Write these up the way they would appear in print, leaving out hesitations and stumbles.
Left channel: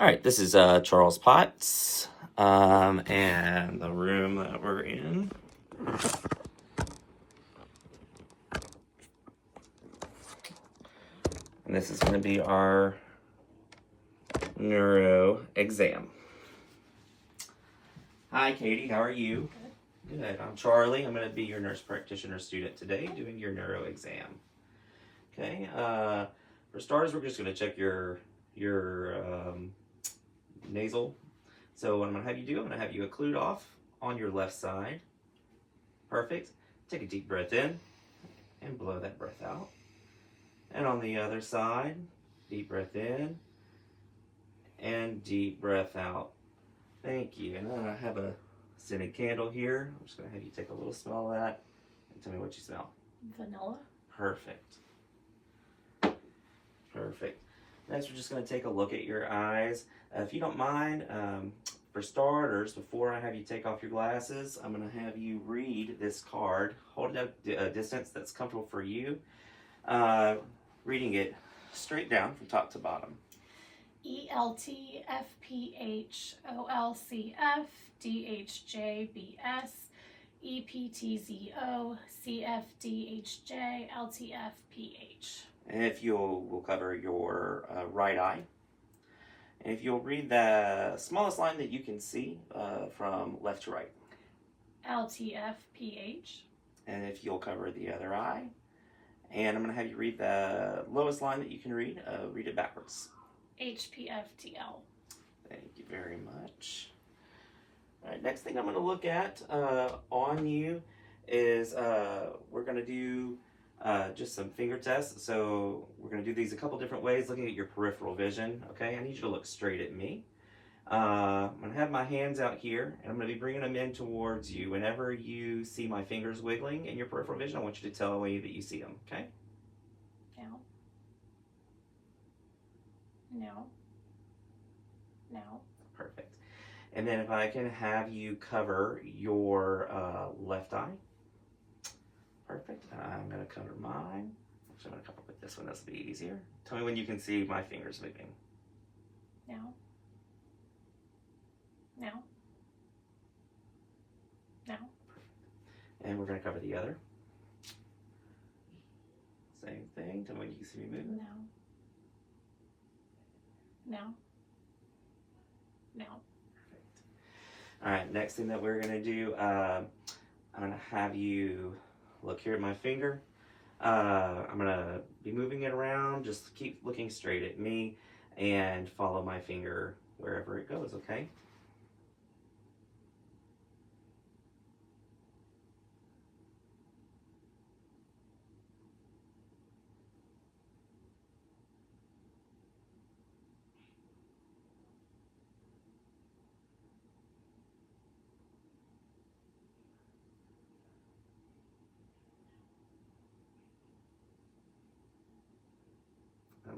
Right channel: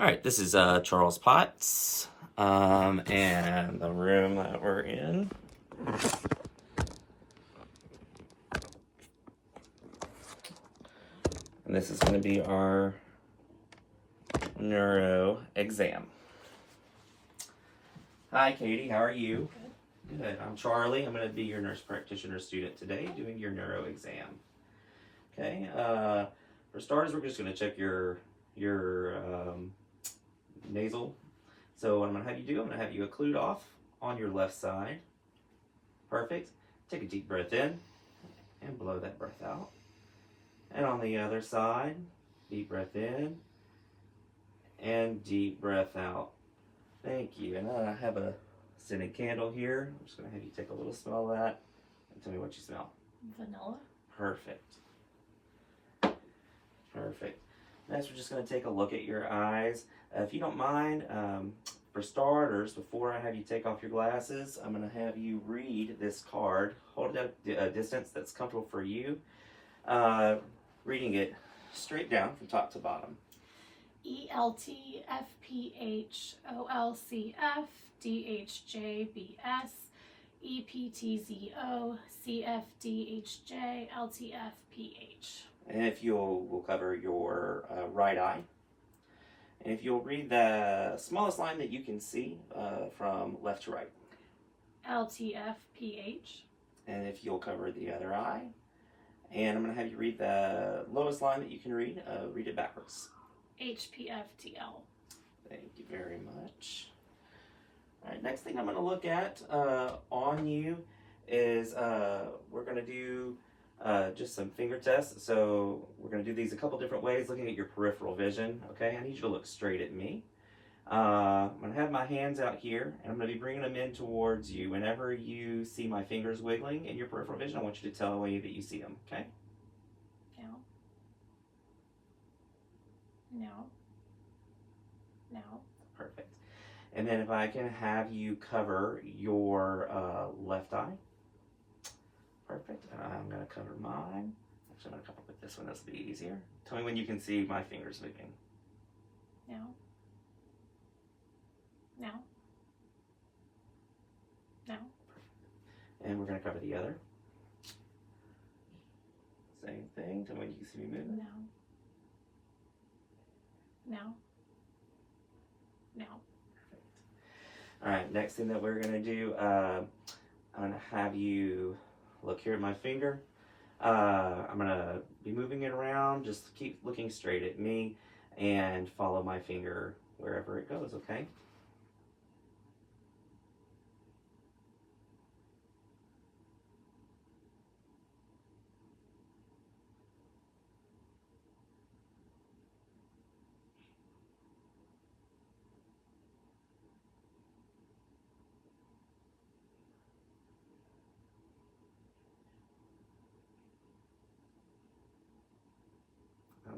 All right, this is Charles Potts, and the room that we're in. And this is going to be our neuro exam. Hi, Katie. How are you? Good. I'm Charlie. I'm going to be your nurse practitioner student today, doing your neuro exam. Okay. For starters, we're just going to check your nasal. So what I'm going to have you do, I'm going to have you occlude off on your left side. Perfect. Take a deep breath in and blow that breath out. And on the other side, deep breath in and deep breath out. Thank you. And I have a scented candle here. I'm just going to have you take a little smell of that and tell me what you smell. Vanilla. Perfect. Perfect. Next, we're just going to take a look at your eyes. If you don't mind, for starters, before I have you take off your glasses, I'm going to have you read this card. Hold it at a distance that's comfortable for you. Reading it straight down from top to bottom. ELTFPHOLCF DHJBS EPTZO CFDHJ LTFPH. And if we'll cover your right eye. And if you'll read the smallest line that you can see from left to right. LTFPH. And if you'll cover the other eye. And I'm going to have you read the lowest line that you can read. Read it backwards. HPFTL. Thank you very much. All right, next thing I'm going to look at on you is we're going to do just some finger tests. So we're going to do these a couple different ways, looking at your peripheral vision. Okay, I need you to look straight at me. I'm going to have my hands out here, and I'm going to be bringing them in towards you. Whenever you see my fingers wiggling in your peripheral vision, I want you to tell me that you see them, okay? No. No. No. Perfect. And then if I can have you cover your left eye. Perfect. And I'm going to cover mine. Actually, I'm going to cover with this one. This will be easier. Tell me when you can see my fingers moving. No. No. No. And we're going to cover the other. Same thing. Tell me when you can see me moving. No. No. No. Perfect. All right, next thing that we're going to do, I'm going to have you look here at my finger. I'm going to be moving it around. Just keep looking straight at me and follow my finger wherever it goes, okay?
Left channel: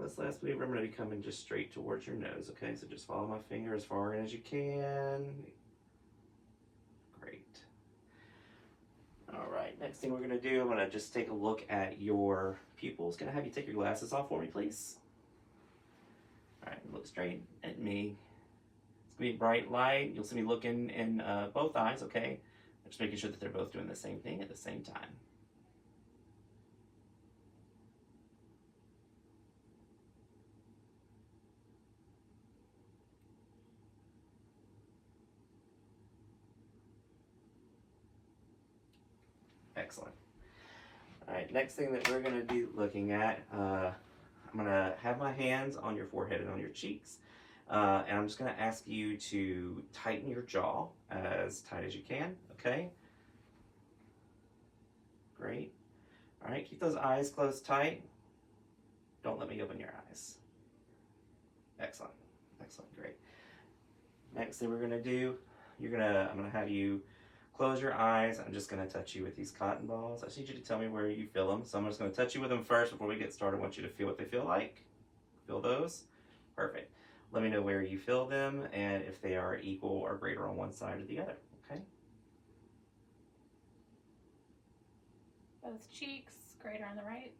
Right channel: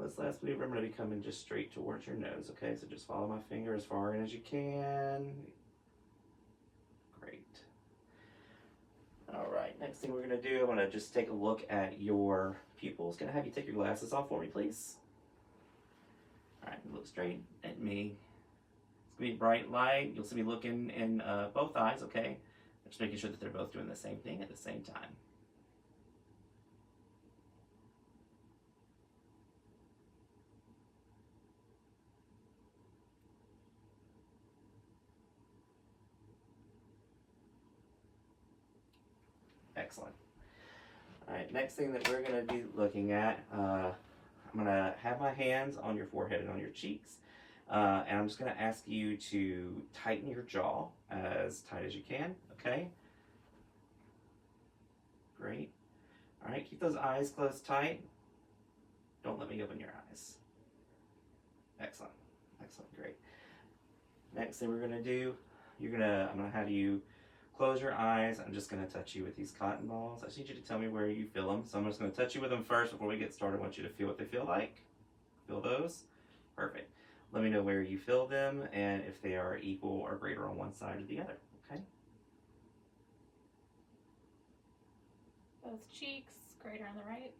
This last maneuver, I'm going to be coming just straight towards your nose, okay? So just follow my finger as far in as you can. Great. All right, next thing we're going to do, I'm going to just take a look at your pupils. Can I have you take your glasses off for me, please? All right, look straight at me. It's going to be bright light. You'll see me looking in both eyes, okay? Just making sure that they're both doing the same thing at the same time. Excellent. All right, next thing that we're going to be looking at, I'm going to have my hands on your forehead and on your cheeks. And I'm just going to ask you to tighten your jaw as tight as you can, okay? Great. All right, keep those eyes closed tight. Don't let me open your eyes. Excellent. Excellent, great. Next thing we're going to do, I'm going to have you close your eyes. I'm just going to touch you with these cotton balls. I just need you to tell me where you feel them. So I'm just going to touch you with them first before we get started. I want you to feel what they feel like. Feel those? Perfect. Let me know where you feel them and if they are equal or greater on one side or the other, okay? Both cheeks, greater on the right.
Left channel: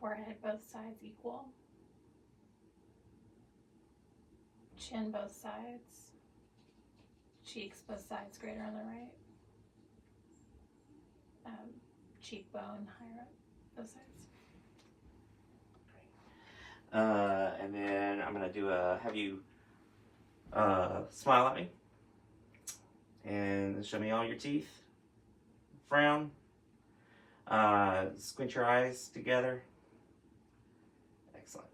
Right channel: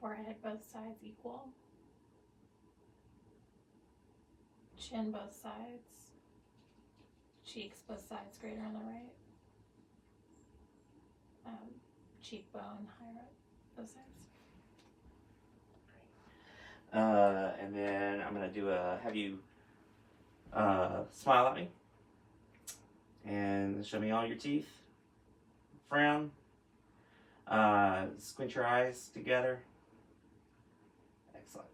Forehead, both sides equal. Chin both sides. Cheeks both sides, greater on the right. Cheekbone higher up, both sides. And then I'm gonna have you smile at me and show me all your teeth. Frown. Squint your eyes together. Excellent.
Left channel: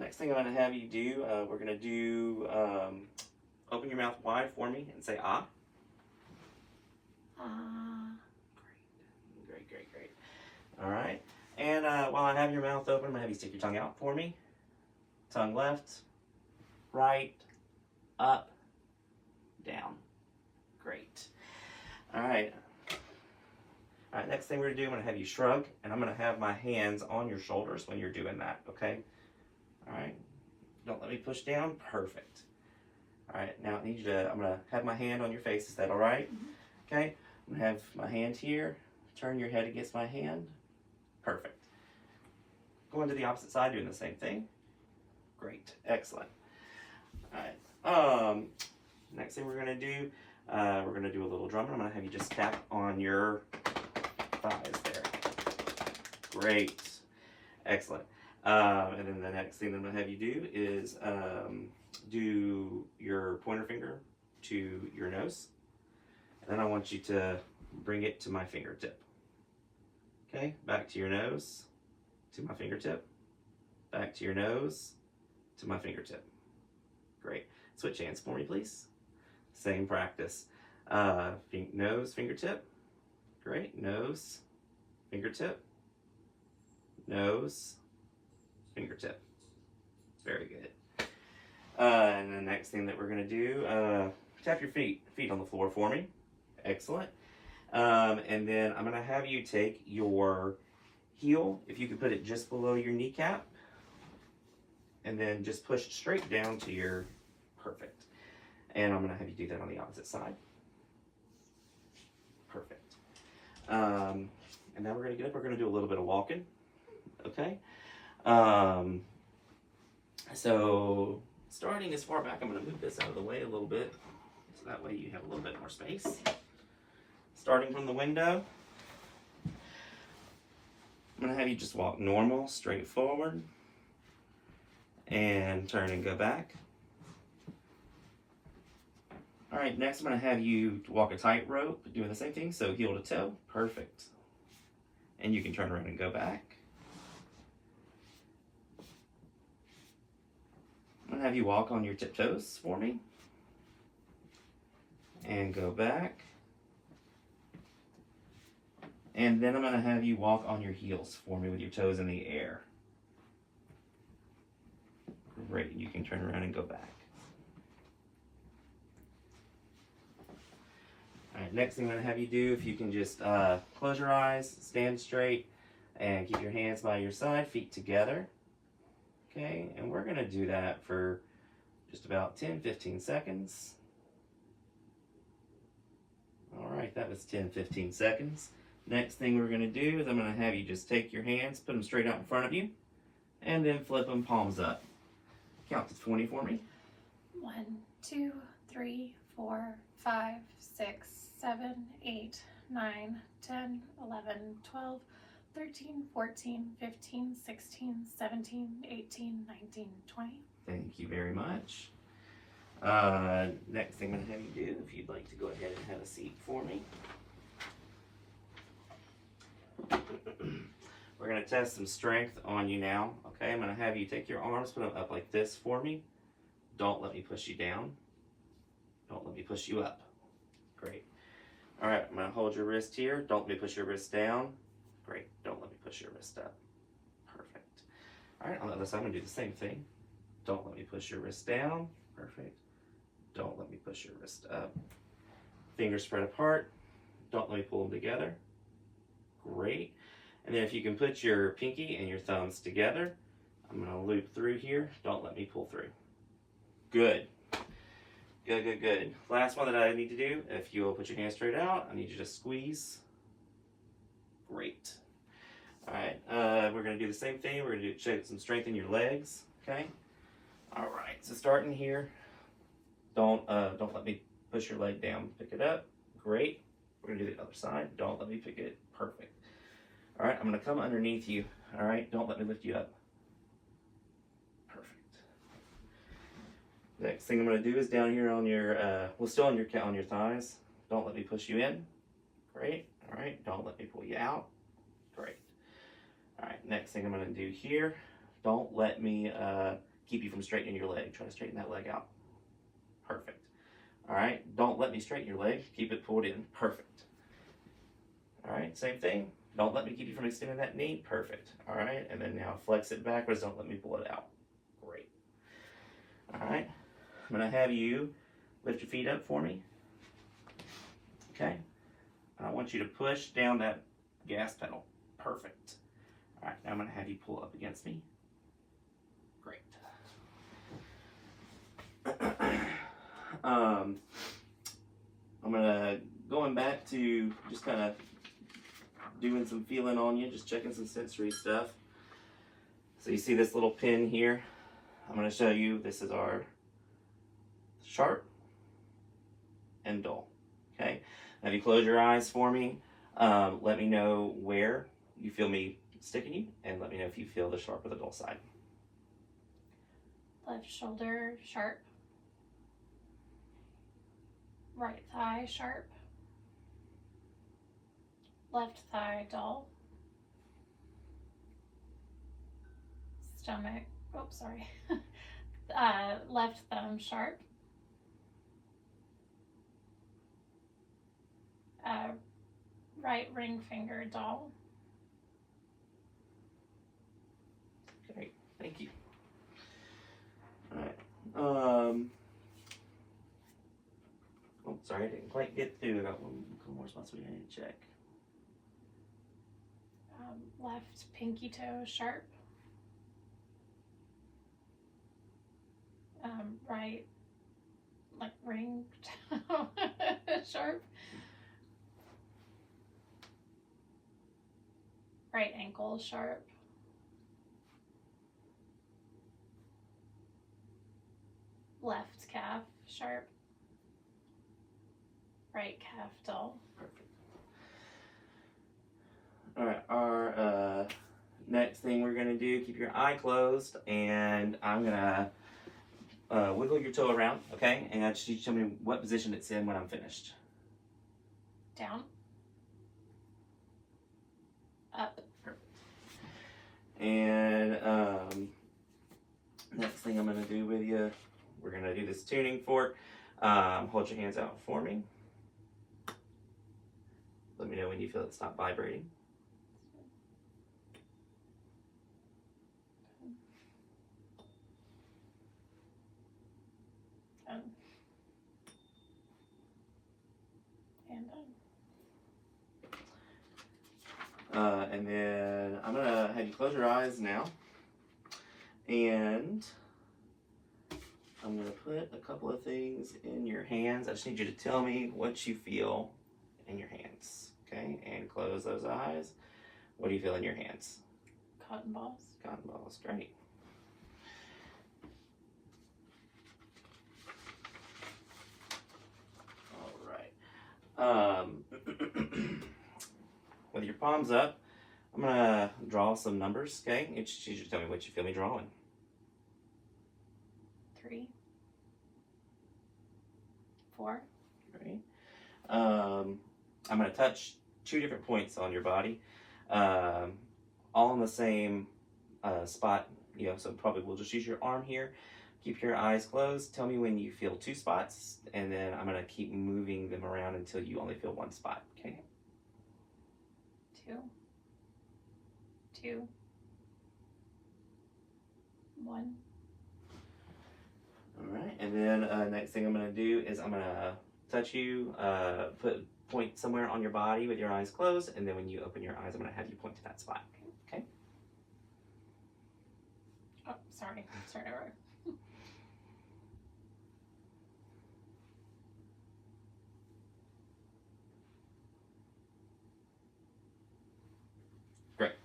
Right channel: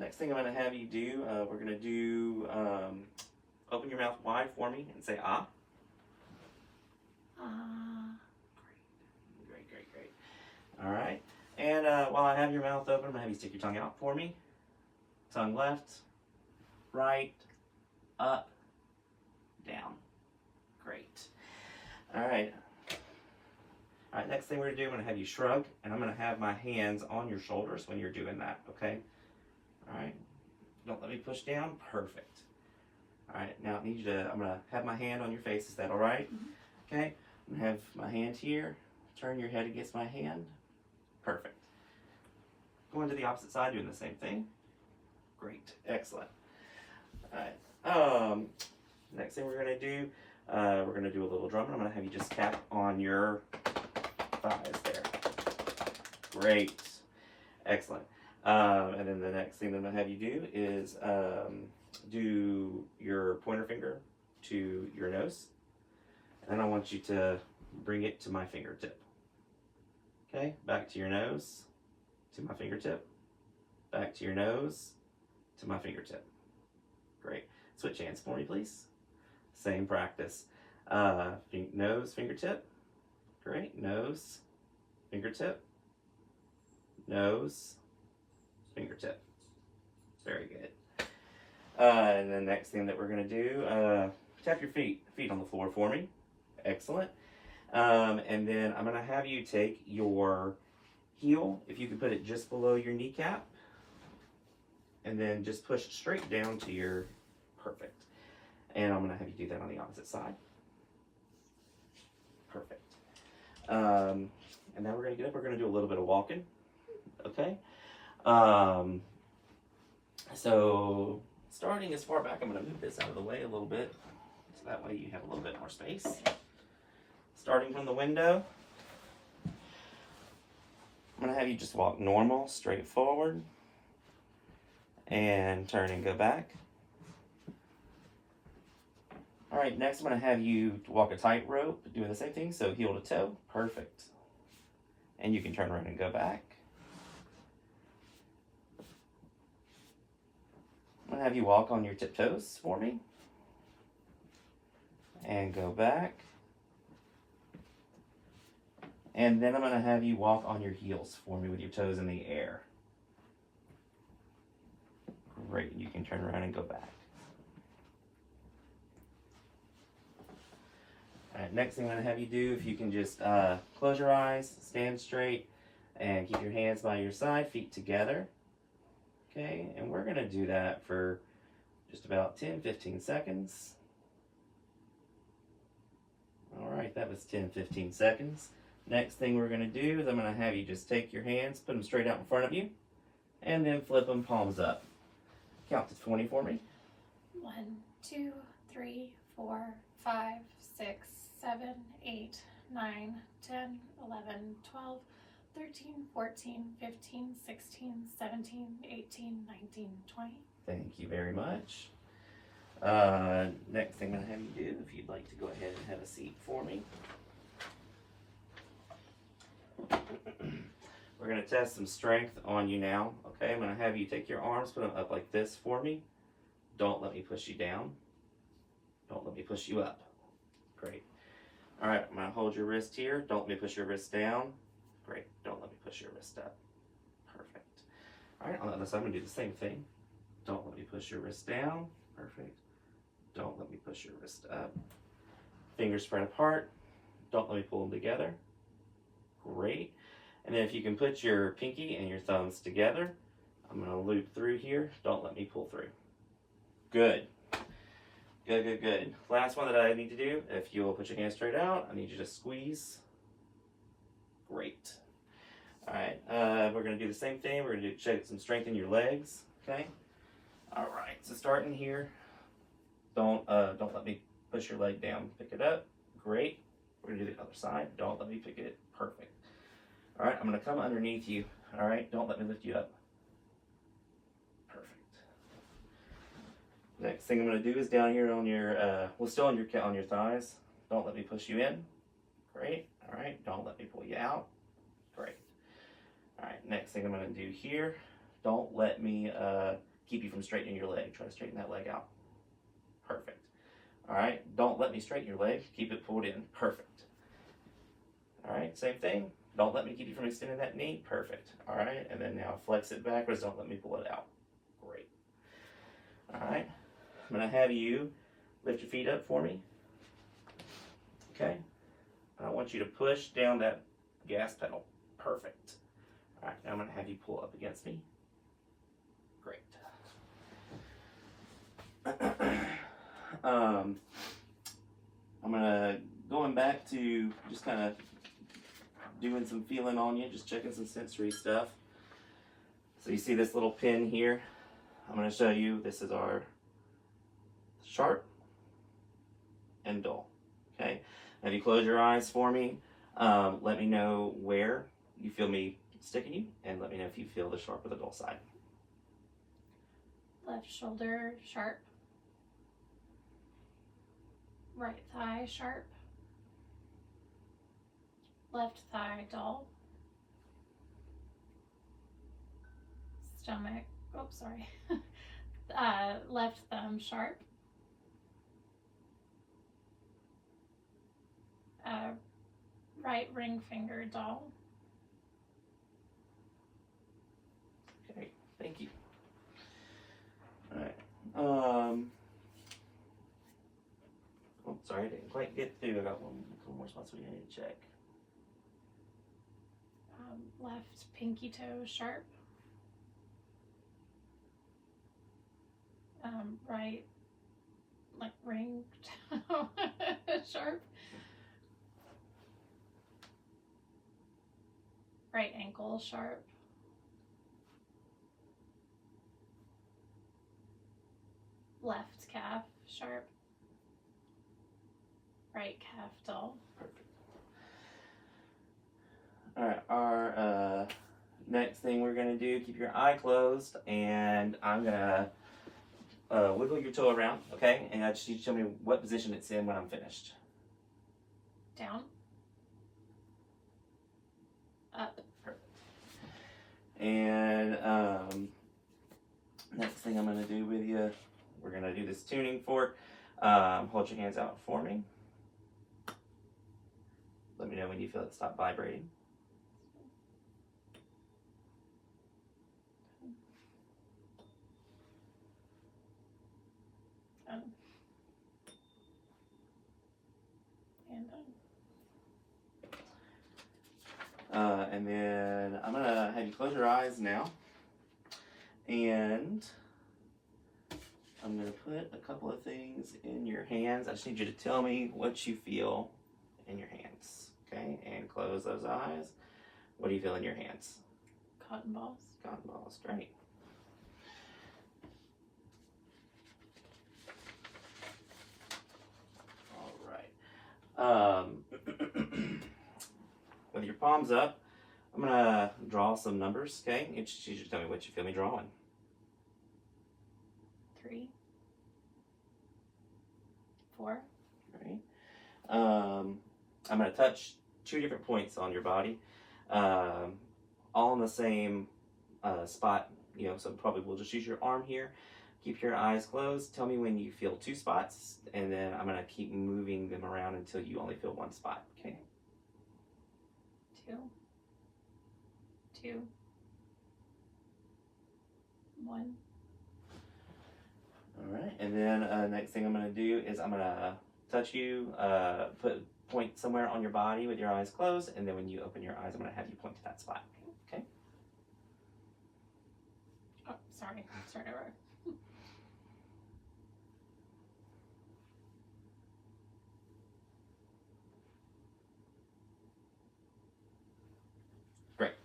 Next thing I'm gonna have you do, we're gonna do open your mouth wide for me and say ah. Great. All right. And while I have your mouth open, I'm gonna have you stick your tongue out for me. Tongue left, right, up, down. Great. All right. All right, next thing we're gonna do, I'm gonna have you shrug, and I'm gonna have my hands on your shoulders when you're doing that, okay? All right. Don't let me push down. Perfect. All right, now I need you to, I'm gonna have my hand on your face. Is that all right? Mm-hmm. Okay. I'm gonna have my hand here. Turn your head against my hand. Perfect. Going to the opposite side, doing the same thing. Great. Excellent. All right. Next thing we're gonna do, we're gonna do a little drum. I'm gonna have you just tap on your thighs there. Great. Excellent. And then the next thing that I'm gonna have you do is do your pointer finger to your nose. And then I want you to bring it to my fingertip. Okay, back to your nose, to my fingertip. Back to your nose, to my fingertip. Great. Switch hands for me, please. Same practice. Nose, fingertip. Great. Nose, fingertip. Nose, fingertip. Very good. And the next thing that we're going to do, tap your feet on the floor for me. Excellent. And then I'm going to have you take your heel, if you could put it just below your kneecap, and then just push it straight down to your perfect. And I'm going to have you do that on the opposite side. Perfect. And now we're going to get up. We're going to do a little bit of walking. Okay. So starting as far back, I'm going to move this out of the way a little bit, so that way you have a little bit more space. Starting from the window, I'm going to have you just walk normal, straight forward, and turn and go back. All right, next I'm going to have you walk a tightrope, doing the same thing, so heel to toe, perfect. And you can turn around and go back. I'm going to have you walk on your tiptoes for me, and go back. And then I'm going to have you walk on your heels for me with your toes in the air. Great, you can turn around and go back. All right, next thing I'm going to have you do, if you can just close your eyes, stand straight, and keep your hands by your side, feet together. Okay, and we're going to do that for just about 10-15 seconds. All right, that was 10-15 seconds. Next thing we're going to do is I'm going to have you just take your hands, put them straight out in front of you, and then flip them palms up. Count to 20 for me. 1, 2, 3, 4, 5, 6, 7, 8, 9, 10, 11, 12, 13, 14, 15, 16, 17, 18, 19, 20. Thank you very much. Next thing I'm going to have you do, if you'd like to go ahead and have a seat for me. We're going to test some strength on you now. Okay, I'm going to have you take your arms, put them up like this for me. Don't let me push you down. Don't let me push you up. Great. All right, I'm going to hold your wrist here. Don't let me push your wrist down. Great. Don't let me push your wrist up. Perfect. All right, on the other side, I'm going to do the same thing. Don't let me push your wrist down. Perfect. Don't let me push your wrist up. Fingers spread apart. Don't let me pull them together. Great. And then if you can put your pinky and your thumbs together, I'm going to loop through here. Don't let me pull through. Good. Good. Last one that I need to do, if you'll put your hands straight out, I need you to squeeze. Great. All right, we're going to do the same thing. We're going to check some strength in your legs, okay? All right, so starting here, don't let me push your leg down. Pick it up. Great. We're gonna do the other side. Don't let me pick it. Perfect. All right, I'm gonna come underneath you. All right, don't let me lift you up. Perfect. Next thing I'm gonna do is down here on your, well, still on your thighs. Don't let me push you in. Great. All right, don't let me pull you out. Great. All right, next thing I'm gonna do here, don't let me keep you from straightening your leg. Try to straighten that leg out. Perfect. All right, don't let me straighten your leg. Keep it pulled in. Perfect. All right, same thing. Don't let me keep you from extending that knee. Perfect. All right, and then now flex it backwards. Don't let me pull it out. Great. All right, I'm gonna have you lift your feet up for me. Okay. I want you to push down that gas pedal. Perfect. All right, now I'm gonna have you pull up against me. Great. I'm gonna going back to just kind of doing some feeling on you, just checking some sensory stuff. So you see this little pin here? I'm gonna show you, this is our sharp and dull, okay? Have you close your eyes for me? Let me know where you feel me sticking you, and let me know if you feel the sharp or the dull side. Left shoulder sharp. Right thigh sharp. Left thigh dull. Stomach, oops, sorry. Left thumb sharp. Right ring finger dull. Great, thank you. All right. Oh, sorry, I didn't quite get through. I got one couple more spots we need to check. Left pinky toe sharp. Right, like ring toe sharp. Right ankle sharp. Left calf sharp. Right calf dull. Perfect. All right, our next thing we're gonna do, keep your eye closed, and I'm gonna wiggle your toe around, okay? And I just need you to tell me what position it's in when I'm finished. Down. Up. Perfect. And next thing I'm gonna do with you, we're gonna do this tuning fork. Hold your hands out for me. Let me know when you feel it stop vibrating. And done. And then I'm gonna have you close your eyes now, and I'm gonna put a couple of things in your hands. I just need you to tell me what you feel in your hands, okay? And close those eyes. What do you feel in your hands? Cotton balls. Cotton balls, great. All right. With your palms up, I'm gonna draw some numbers, okay? You just need you to tell me what you feel me drawing. 3, 4. Right. I'm gonna touch 2 different points on your body, all in the same spot. You know, so probably we'll just use your arm here. Keep your eyes closed. Tell me when you feel 2 spots, and then I'm gonna keep moving them around until you only feel 1 spot. Okay. 2, 2, 1. All right, and then next thing I'm gonna do is I'm gonna touch you, point somewhere on your body with your eyes closed, and then when you open your eyes, I'm gonna have you point to that spot. Okay. Oh, sorry. Start over. Great.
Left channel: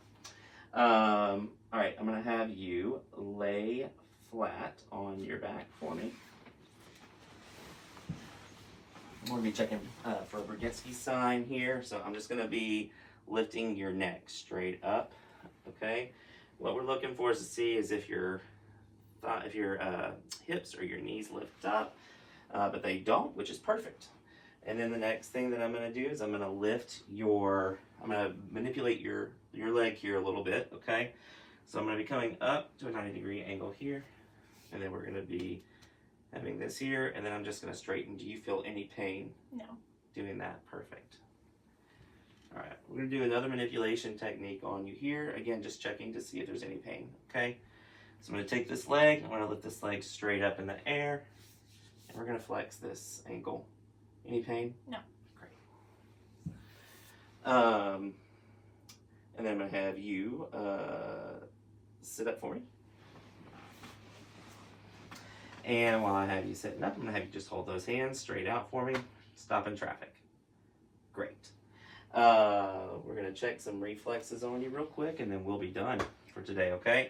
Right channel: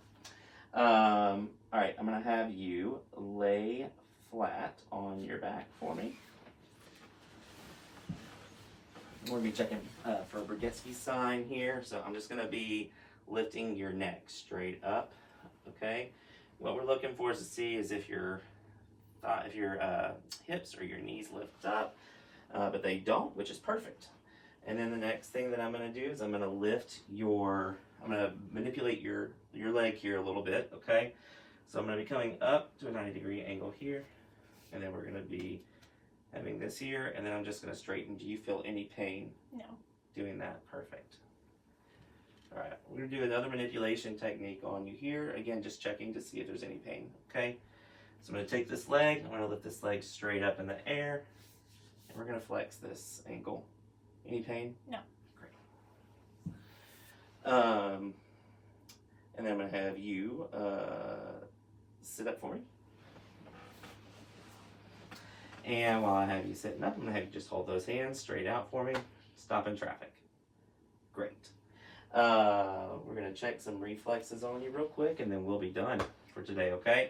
All right, I'm gonna have you lay flat on your back for me. I'm going to be checking for Brzezinski's sign here, so I'm just going to be lifting your neck straight up, okay? What we're looking for is to see is if your hips or your knees lift up, but they don't, which is perfect. And then the next thing that I'm going to do is I'm going to manipulate your leg here a little bit, okay? So I'm going to be coming up to a 90-degree angle here, and then we're going to be having this here, and then I'm just going to straighten. Do you feel any pain? No. Doing that? Perfect. All right, we're going to do another manipulation technique on you here. Again, just checking to see if there's any pain, okay? So I'm going to take this leg, I'm going to lift this leg straight up in the air, and we're going to flex this ankle. Any pain? No. Great. And then I'm going to have you sit up for me. And while I have you sitting up, I'm going to have you just hold those hands straight out for me. Stop in traffic. Great. We're going to check some reflexes on you real quick, and then we'll be done for today, okay?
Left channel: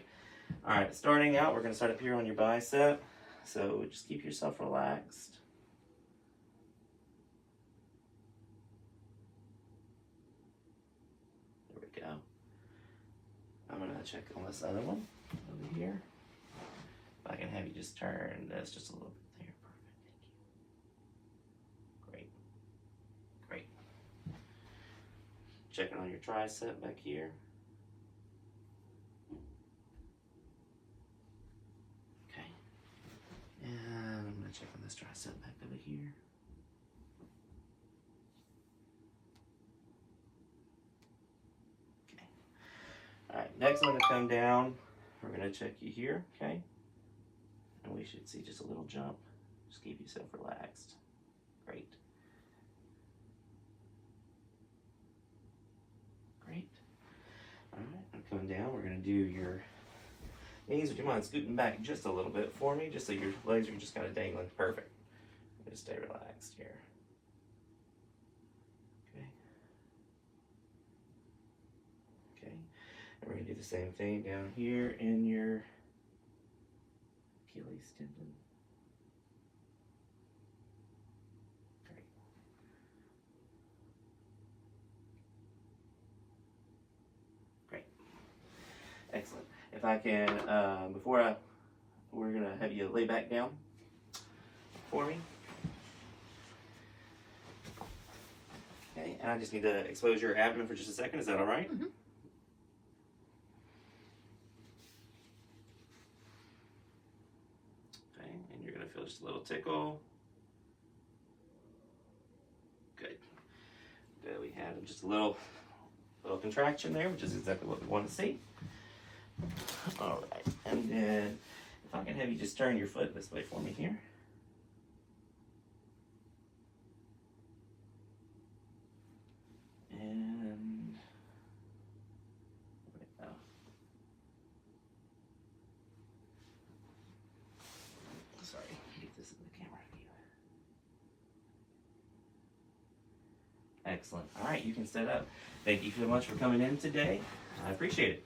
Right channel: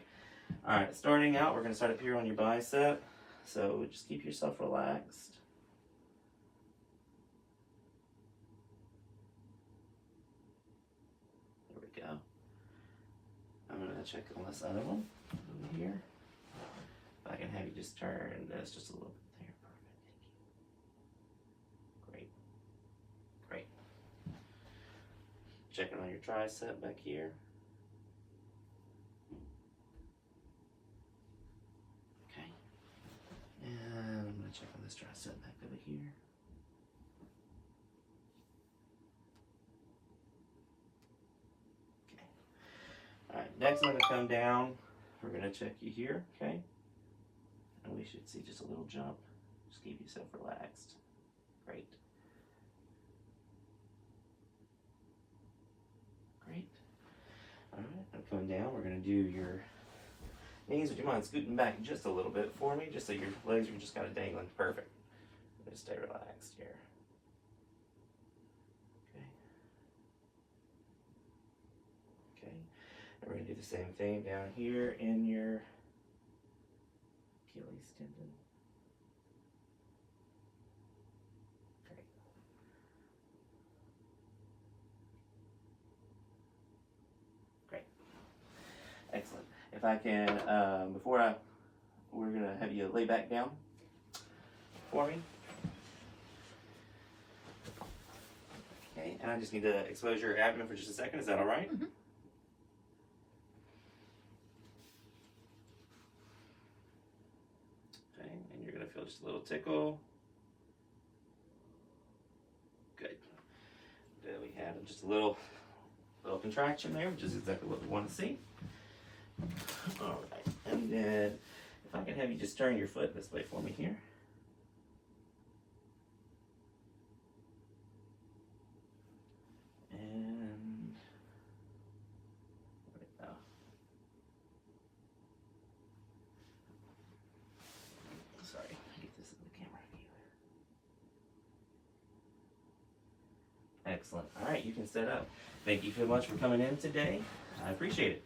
All right, starting out, we're going to start up here on your bicep. So just keep yourself relaxed. There we go. I'm going to check on this other one over here. If I can have you just turn this just a little bit there. Perfect. Great. Great. Checking on your tricep back here. Okay. And I'm going to check on this tricep back over here. Okay. All right, next I'm going to come down. We're going to check you here, okay? And we should see just a little jump. Just keep yourself relaxed. Great. Great. All right, I'm coming down. We're going to do your knees. Would you mind scooting back just a little bit for me, just so your legs are just kind of dangling? Perfect. Just stay relaxed here. Okay. Okay. And we're going to do the same thing down here in your Achilles tendon. Great. Great. Excellent. If I can, we're gonna have you lay back down for me. Okay, and I just need to expose your abdomen for just a second. Is that all right? Mm-hmm. Okay, and you're gonna feel just a little tickle. Good. Good. We had just a little contraction there, which is exactly what we want to see. All right, and then if I can have you just turn your foot this way for me here. And there we go. Sorry, get this in the camera view. Excellent. All right, you can sit up. Thank you so much for coming in today. I appreciate it.